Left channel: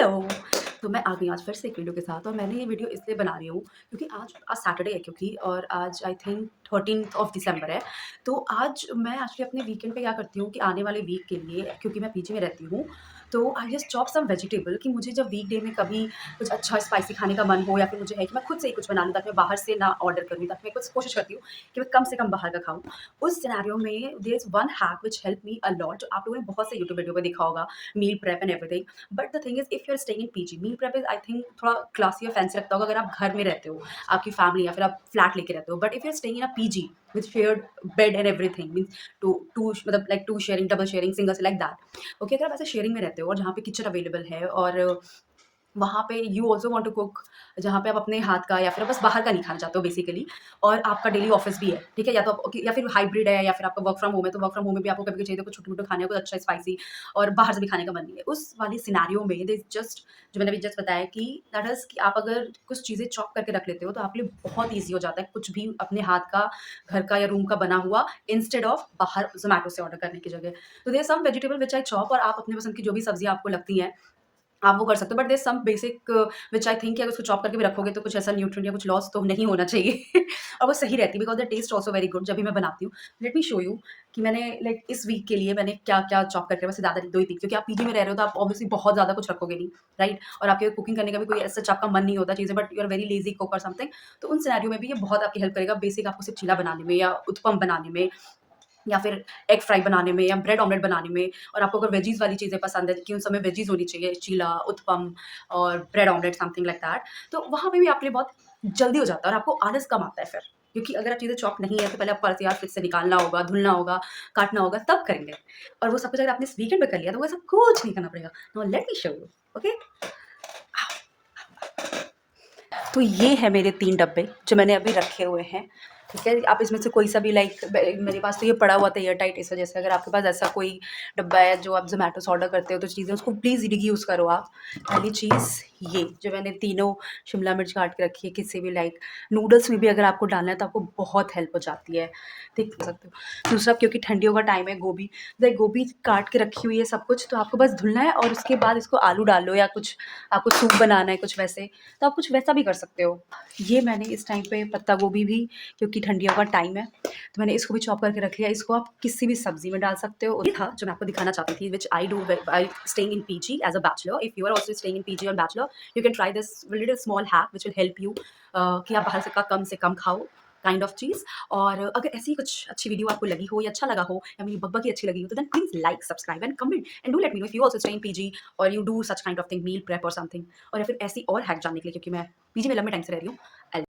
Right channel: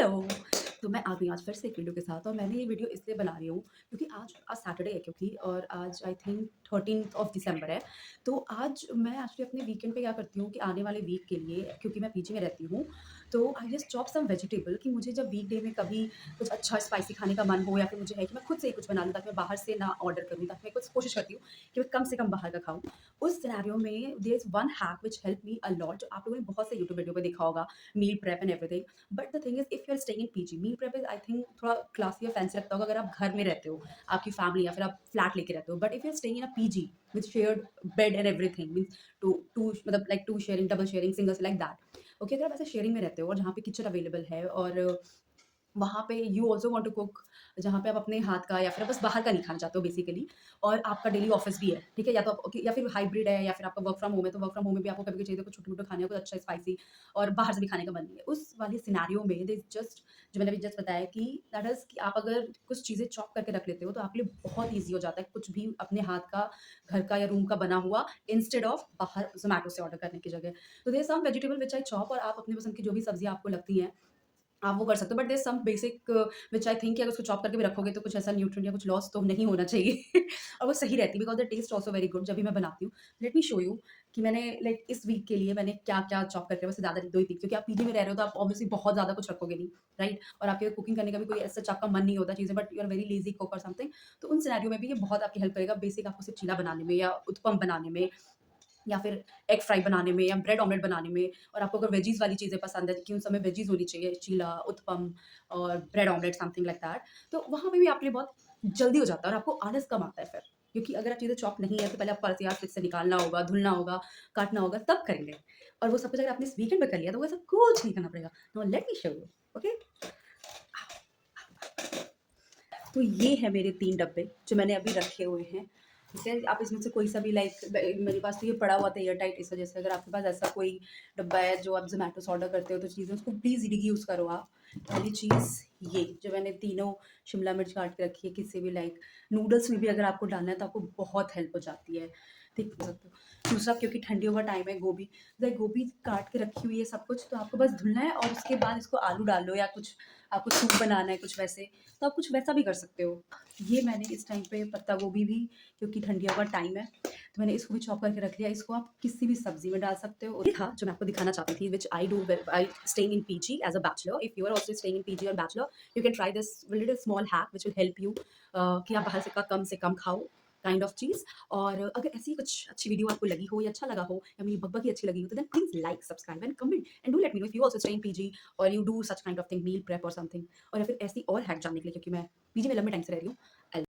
Hello! तो मैं आ गई आज फिर से एक वीडियो के साथ और मैंने ये वीडियो इसलिए बना रही हूँ क्योंकि आज आज सैटरडे है क्योंकि और आज I think 13th of December है। तो आज मैं एक्चुअली अपने वीकेंड पे क्या करती हूँ कि आने वाले वीक के लिए क्योंकि मैं पीजी में रहती हूँ, तो I just chop some vegetable कि मुझे जब वीकडे में कभी कुछ अच्छा स्पाइसी खाने का मन हो या फिर मुझे है कि मैं खुद से ही कुछ बना लूँ ताकि मैं बाहर से ना ऑर्डर करूँ, ताकि मैं कुछ कोशिश करती हूँ कि मैं कम से कम बाहर का खाऊँ। उस सिनेरियो में there is one hack which helped me a lot, जो आप लोगों ने बहुत से यूट्यूब वीडियो पे देखा होगा, meal prep and everything. But the thing is if you are staying in PG, meal prep is I think थोड़ा क्लासी और फैंसी लगता होगा अगर आप घर में रहते हो, आपकी फैमिली या फिर आप फ्लैट लेके रहते हो। But if you are staying in a PG with shared bed and everything means two मतलब like two sharing, double sharing, single से लाइक दैट। ओके, अगर आप ऐसे शेयरिंग में रहते हो और जहाँ पे किचन अवेलेबल है और वहाँ पे you also want to cook, जहाँ पे आप अपने हाथ का या फिर बस बाहर का नहीं खाना चाहते हो बेसिकली, और आपका डेली ऑफिस भी है, ठीक है? या तो आप या फिर हाइब्रिड है या फिर आपका वर्क फ्रॉम होम है, तो वर्क फ्रॉम होम में भी आपको कभी-कभी चाहिए तो कुछ छोटे-मोटे खाने को अच्छा स्पाइसी और बाहर से भी खाने का मन नहीं है। उस वाले सिनेरियो में देयर इज़ जस्ट, जो मैंने अभी जस्ट बताया कि दैट इज़ कि आप अगर कुछ चीज़ें चॉप करके रख लेते हो तो आपके लिए बहुत ईज़ी हो जाता है कुछ भी अपने हाथ का, घर का या रूम का बना हुआ इंस्टेड ऑफ बाहर ज़ोमैटो से ऑर्डर करने की जगह। तो there are some vegetable which I chop, और आप अपनी पसंद की जो भी सब्जियाँ आपको लगती हैं आप वो कर सकते हो। But there some basic which I think कि अगर उसको चॉप करके भी रखोगे तो कुछ ऐसा न्यूट्रिएंट या कुछ लॉस तो नहीं होना चाहिए और वो सही रहती है because the taste also very good जब भी मैं बनाती हूँ। लेट मी शो यू कि मैंने लाइक इस वीक के लिए मैंने क्या-क्या चॉप करके, वैसे ज़्यादा नहीं, 2 ही 3, क्योंकि आप पीजी में रह रहे हो तो आप ऑब्वियसली बहुत ज़्यादा कुछ रखोगे नहीं, राइट? और आपके कुकिंग करने का भी कोई ऐसा आपका मन नहीं होता चीज़ें, but you are very lazy cook और समथिंग। तो उन सिनेरियो में भी ये बहुत आपकी हेल्प करेगा बेसिक आपको सिर्फ चीला बनाने में या उत्पम बनाने में या फिर एग फ्राई बनाने में या ब्रेड ऑमलेट बनाने में। और आपको अगर वेजीज़ वाली चीज़ें पसंद है कि उन सब में वेजीज़ होनी चाहिए, चीला, उत्पम और bread omelette something like that, तो वहाँ पे भी आपके लिए बहुत जल्दी हो जाता है और आपको आलस कम आता है फिर। क्योंकि अगर आप चीज़ें चॉप नहीं है तो पहले आपको अलग फ्रिज से निकालना होगा, धुलना होगा, काटना होगा, तब करेंगे। और वो सब कुछ अगर आपने इस वीकेंड पे कर लिया तो वो ऐसा कुछ नहीं करना पड़ेगा। Now let me show you, okay? तो ये है मेरे 3 डब्बे जो मैंने अभी रखे हुए हैं, ठीक है? आप इसमें से कोई सा भी लाइक मेरे पास तो ये पड़ा हुआ था एयर टाइट, इस वजह से अगर आपके पास ऐसा कोई डब्बा है जो आप ज़ोमैटो से ऑर्डर करते हो तो चीज़ें उसको प्लीज़ यूज़ करो आप। पहली चीज़ ये जो मैंने तीनों शिमला मिर्च काट के रखी है, किसी भी लाइक नूडल्स में भी अगर आपको डालना है तो आपको बहुत हेल्प हो जाती है, देख सकते हो। दूसरा, क्योंकि ठंडियों का टाइम है, गोभी, लाइक गोभी काट के रखी हुई है सब कुछ, तो आपको बस धुलना है और उसके बाद इसको आलू डाल लो या कुछ आपको सूप बनाना है कुछ वैसे, तो आप कुछ वैसा भी कर सकते हो। ये मैंने इस टाइम पे पत्ता गोभी भी, क्योंकि ठंडियों का टाइम है, तो मैंने इसको भी चॉप करके रख लिया। इसको आप किसी भी सब्ज़ी में डाल सकते हो। ये था जो मैं आपको दिखाना चाहती थी, which I do when I staying in PG as a bachelor. If you are also staying in PG और bachelor, you can try this little small hack which will help you कि आप बाहर से कम खाओ, काइंड ऑफ चीज़। और अगर ऐसी कुछ अच्छी वीडियो आपको लगी हो या अच्छा लगा हो या मेरी बकबकी अच्छी लगी हो, तो then please like, subscribe and comment and do let me know if you also stay in PG और you do such kind of thing, meal prep और समथिंग। और या फिर ऐसी और हैक जानने के लिए, क्योंकि मैं पीजी में लंबे टाइम से रह रही हूँ,